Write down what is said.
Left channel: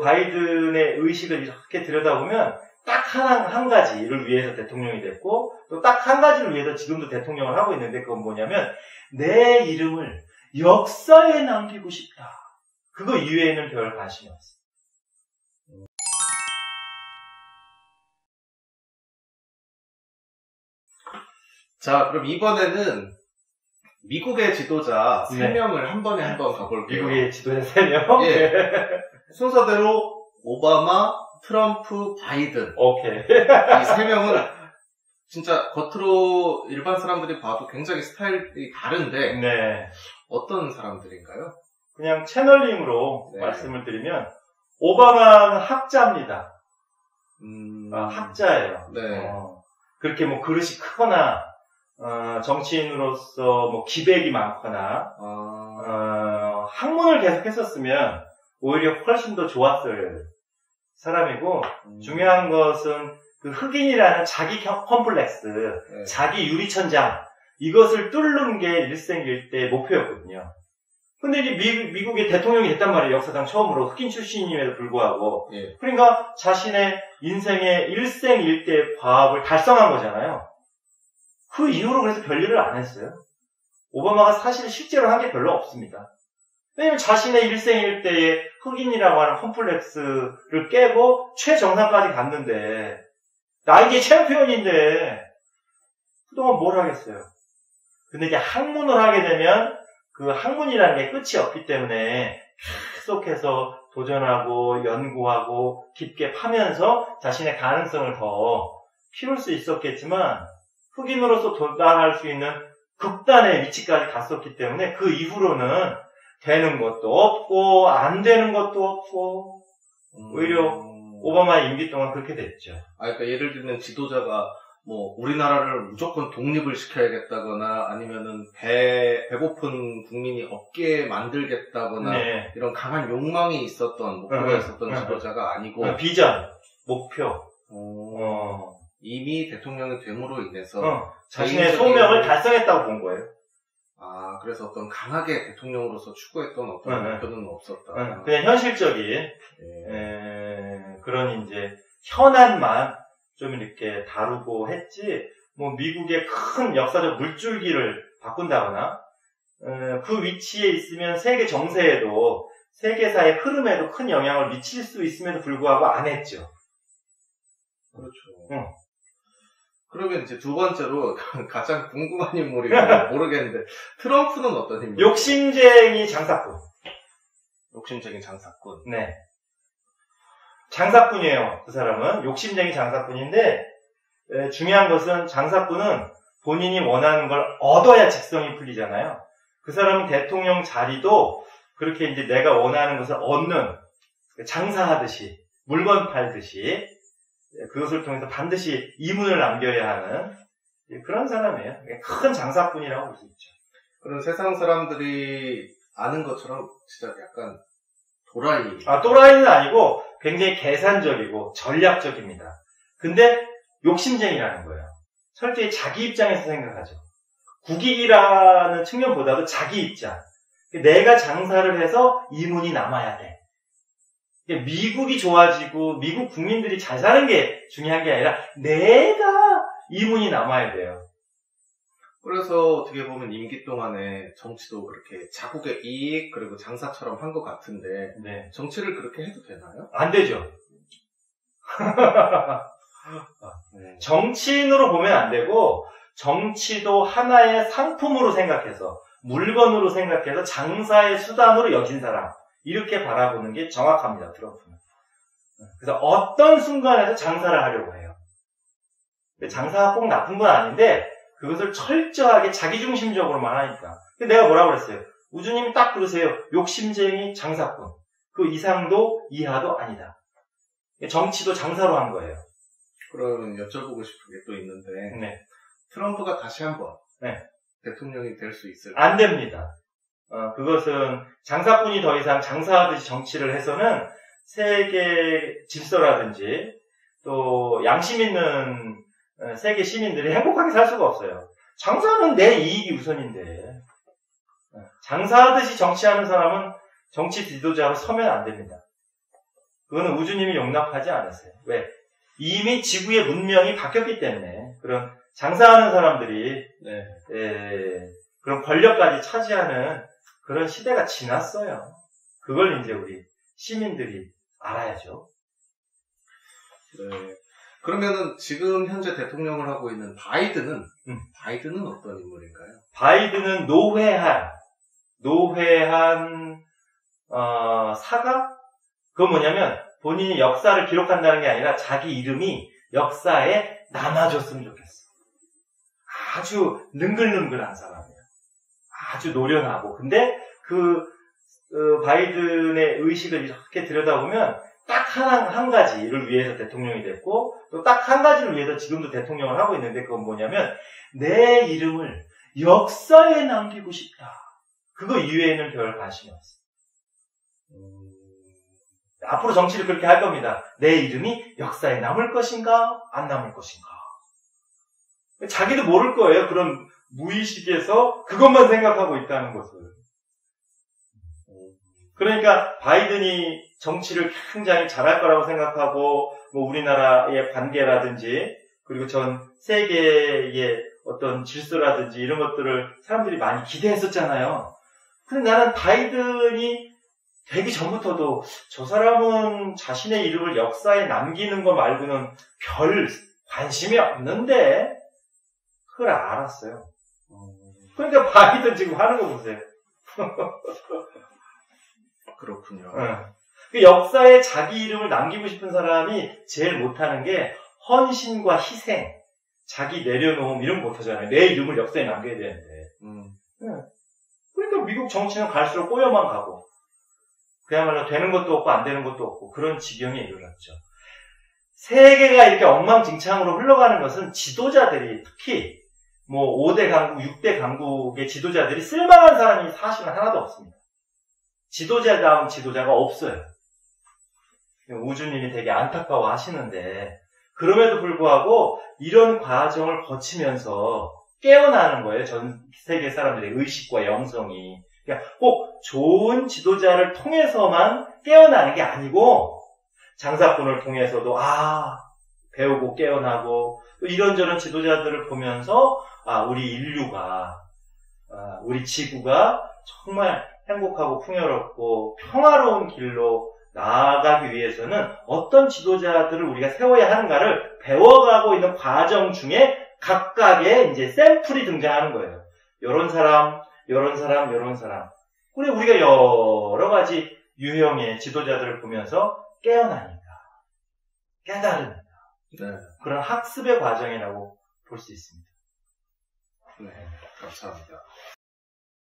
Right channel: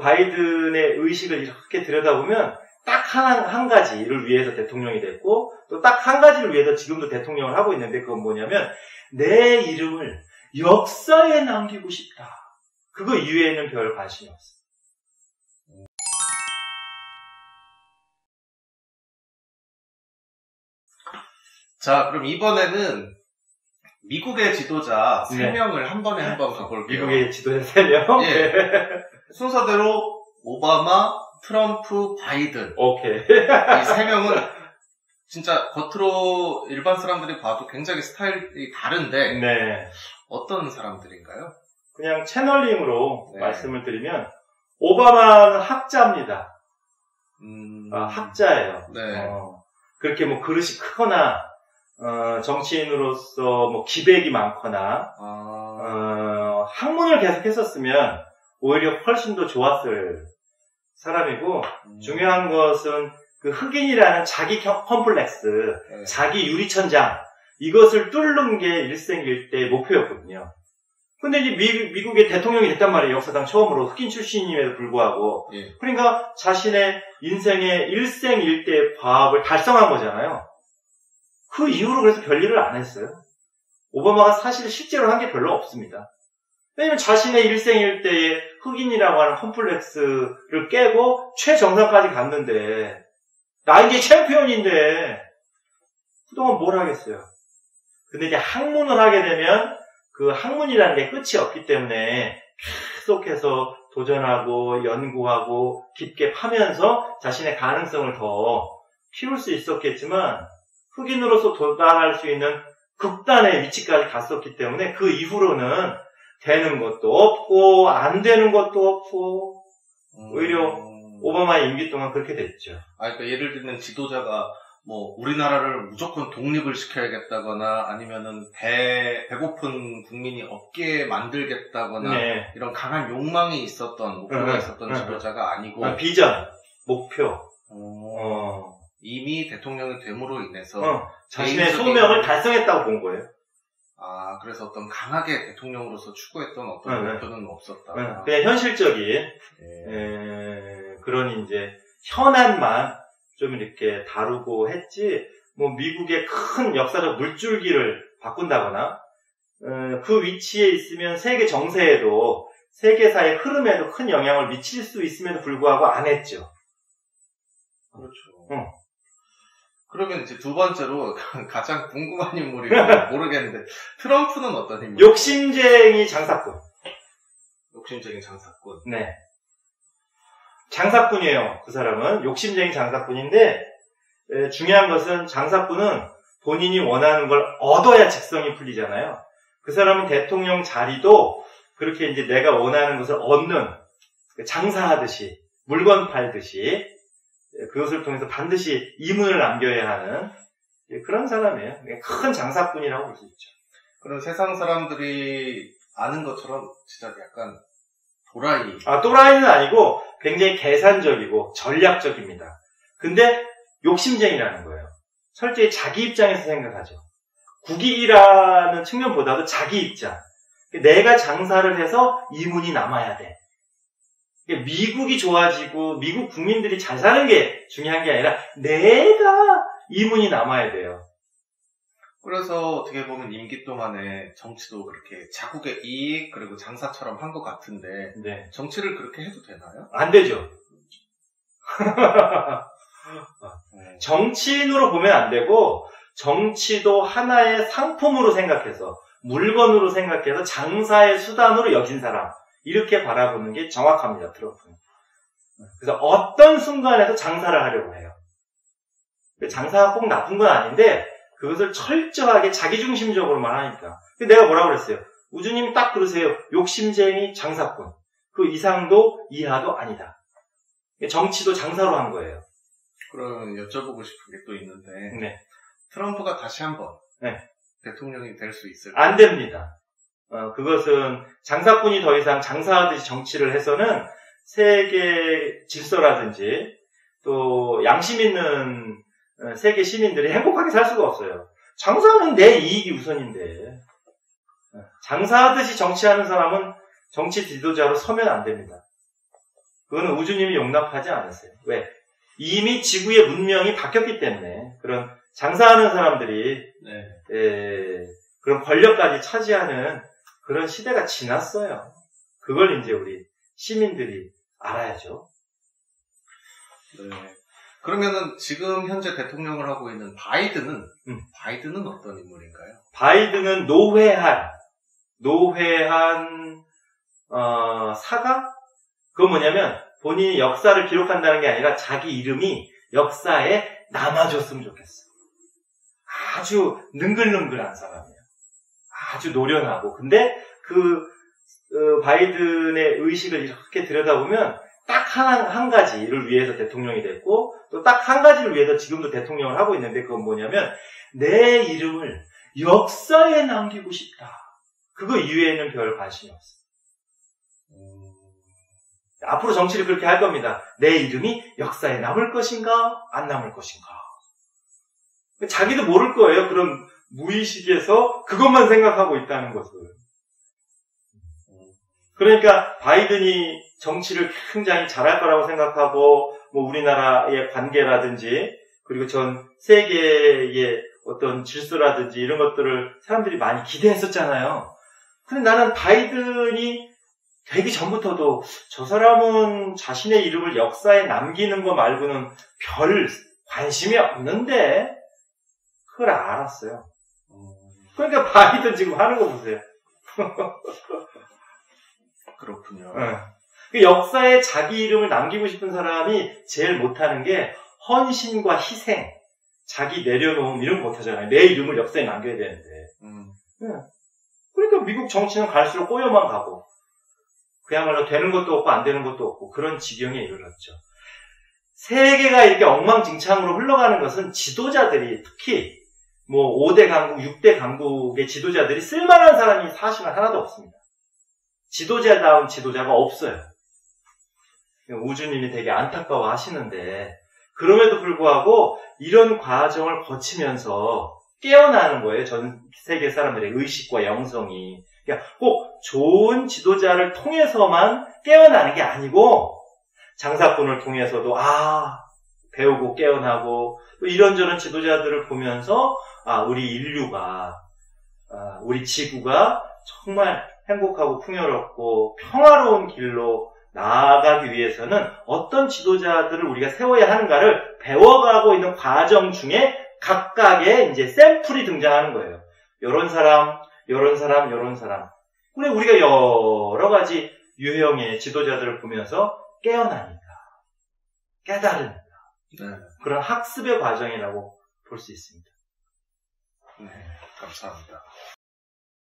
바이든의 의식을 이렇게 들여다보면 딱 한 가지를 위해서 대통령이 됐고 또 딱 한 가지를 위해서 지금도 대통령을 하고 있는데 그건 뭐냐면 내 이름을 역사에 남기고 싶다. 그거 이외에는 별 관심이 없어. 자, 그럼 이번에는 미국의 지도자 3명을 한 번에 한번 가볼게요. 미국의 지도자 3명? 예. 순서대로 오바마, 트럼프, 바이든. 오케이. 이 3명은 진짜 겉으로 일반 사람들이 봐도 굉장히 스타일이 다른데 네. 어떤 사람들인가요? 그냥 채널링으로 말씀을 드리면 오바마는 학자입니다. 학자예요. 네. 그렇게 뭐 그릇이 크거나 정치인으로서 뭐 기백이 많거나 학문을 계속 했었으면 오히려 훨씬 더 좋았을 사람이고 중요한 것은 그 흑인이라는 자기 컴플렉스, 자기 유리천장 이것을 뚫는 게 일생일대의 목표였거든요. 근데 이제 미국의 대통령이 됐단 말이에요. 역사상 처음으로 흑인 출신임에도 불구하고. 그러니까 자신의 인생의 일생일대의 과업을 달성한 거잖아요. 그 이후로 그래서 별일을 안 했어요. 오바마가 사실 실제로 한 게 별로 없습니다. 왜냐면 자신의 일생일대의 흑인이라고 하는 컴플렉스를 깨고 최정상까지 갔는데 나 이제 챔피언인데 그동안 뭘 하겠어요. 근데 이제 학문을 하게 되면 그 학문이라는 게 끝이 없기 때문에 계속해서 도전하고 연구하고 깊게 파면서 자신의 가능성을 더 키울 수 있었겠지만 흑인으로서 도달할 수 있는 극단의 위치까지 갔었기 때문에 그 이후로는 되는 것도 없고 안 되는 것도 없고 오히려 오바마의 임기 동안 그렇게 됐죠. 그러니까 예를 들면 지도자가 뭐 우리나라를 무조건 독립을 시켜야겠다거나 아니면은 배고픈 국민이 없게 만들겠다거나 이런 강한 욕망이 있었던 목표가 있었던 지도자가 아니고 비전, 목표. 이미 대통령이 됨으로 인해서 자신의 소명을 달성했다고 본 거예요. 그래서 어떤 강하게 대통령으로서 추구했던 어떤 목표는 없었다. 그냥 현실적인 그런 이제 현안만 좀 이렇게 다루고 했지, 뭐 미국의 큰 역사적 물줄기를 바꾼다거나 그 위치에 있으면 세계 정세에도 세계사의 흐름에도 큰 영향을 미칠 수 있음에도 불구하고 안 했죠. 그렇죠. 그러면 이제 두 번째로 가장 궁금한 인물이 모르겠는데 트럼프는 어떤 인물이에요? 욕심쟁이 장사꾼. 욕심쟁이 장사꾼. 네. 장사꾼이에요. 그 사람은 욕심쟁이 장사꾼인데 중요한 것은 장사꾼은 본인이 원하는 걸 얻어야 직성이 풀리잖아요. 그 사람은 대통령 자리도 그렇게 이제 내가 원하는 것을 얻는 장사하듯이 물건 팔듯이 그것을 통해서 반드시 이문을 남겨야 하는 그런 사람이에요. 큰 장사꾼이라고 볼 수 있죠. 그럼 세상 사람들이 아는 것처럼 진짜 약간 도라이. 또라이는 아니고 굉장히 계산적이고 전략적입니다. 근데 욕심쟁이라는 거예요. 철저히 자기 입장에서 생각하죠. 국익이라는 측면보다도 자기 입장. 내가 장사를 해서 이문이 남아야 돼. 미국이 좋아지고 미국 국민들이 잘 사는 게 중요한 게 아니라 내가 이문이 남아야 돼요. 그래서 어떻게 보면 임기 동안에 정치도 그렇게 자국의 이익 그리고 장사처럼 한 것 같은데 정치를 그렇게 해도 되나요? 안 되죠. 정치인으로 보면 안 되고 정치도 하나의 상품으로 생각해서 물건으로 생각해서 장사의 수단으로 여긴 사람 이렇게 바라보는 게 정확합니다. 트럼프는. 그래서 어떤 순간에도 장사를 하려고 해요. 장사가 꼭 나쁜 건 아닌데 그것을 철저하게 자기중심적으로만 하니까. 내가 뭐라고 그랬어요? 우주님이 딱 그러세요. 욕심쟁이 장사꾼. 그 이상도 이하도 아니다. 정치도 장사로 한 거예요. 그럼 여쭤보고 싶은 게 또 있는데 트럼프가 다시 한번 대통령이 될 수 있을까요? 안 됩니다. 그것은 장사꾼이 더 이상 장사하듯이 정치를 해서는 세계 질서라든지 또 양심 있는 세계 시민들이 행복하게 살 수가 없어요. 장사는 내 이익이 우선인데 장사하듯이 정치하는 사람은 정치 지도자로 서면 안 됩니다. 그거는 우주님이 용납하지 않으세요. 왜? 이미 지구의 문명이 바뀌었기 때문에 그런 장사하는 사람들이 그런 권력까지 차지하는 그런 시대가 지났어요. 그걸 이제 우리 시민들이 알아야죠. 네. 그러면은 지금 현재 대통령을 하고 있는 바이든은 어떤 인물인가요? 바이든은 노회한 사가? 그건 뭐냐면 본인이 역사를 기록한다는 게 아니라 자기 이름이 역사에 남아줬으면 좋겠어. 아주 능글능글한 사람이에요. 아주 노련하고. 근데 바이든의 의식을 이렇게 들여다보면 딱 한 가지를 위해서 대통령이 됐고 또 딱 한 가지를 위해서 지금도 대통령을 하고 있는데 그건 뭐냐면 내 이름을 역사에 남기고 싶다. 그거 이외에는 별 관심이 없어. 앞으로 정치를 그렇게 할 겁니다. 내 이름이 역사에 남을 것인가 안 남을 것인가. 자기도 모를 거예요. 그런 무의식에서 그것만 생각하고 있다는 것을. 그러니까 바이든이 정치를 굉장히 잘할 거라고 생각하고 뭐 우리나라의 관계라든지 그리고 전 세계의 어떤 질서라든지 이런 것들을 사람들이 많이 기대했었잖아요. 근데 나는 바이든이 되기 전부터도 저 사람은 자신의 이름을 역사에 남기는 거 말고는 별 관심이 없는데 그걸 알았어요. 그러니까 바이든 지금 하는 거 보세요. 그렇군요. 그 역사에 자기 이름을 남기고 싶은 사람이 제일 못하는 게 헌신과 희생, 자기 내려놓음 이런 거 못하잖아요. 내 이름을 역사에 남겨야 되는데. 그러니까 미국 정치는 갈수록 꼬여만 가고 그야말로 되는 것도 없고 안 되는 것도 없고 그런 지경에 이르렀죠. 세계가 이렇게 엉망진창으로 흘러가는 것은 지도자들이 특히 뭐 5대 강국, 6대 강국의 지도자들이 쓸만한 사람이 사실은 하나도 없습니다. 지도자다운 지도자가 없어요. 우주님이 되게 안타까워 하시는데 그럼에도 불구하고 이런 과정을 거치면서 깨어나는 거예요. 전 세계 사람들의 의식과 영성이. 그러니까 꼭 좋은 지도자를 통해서만 깨어나는 게 아니고 장사꾼을 통해서도 배우고 깨어나고 또 이런저런 지도자들을 보면서 우리 인류가 우리 지구가 정말 행복하고 풍요롭고 평화로운 길로 나아가기 위해서는 어떤 지도자들을 우리가 세워야 하는가를 배워가고 있는 과정 중에 각각의 이제 샘플이 등장하는 거예요. 요런 사람, 요런 사람, 요런 사람. 그래, 우리가 여러 가지 유형의 지도자들을 보면서 깨어나니까, 깨달으니까. 그런 학습의 과정이라고 볼 수 있습니다. 네, 감사합니다.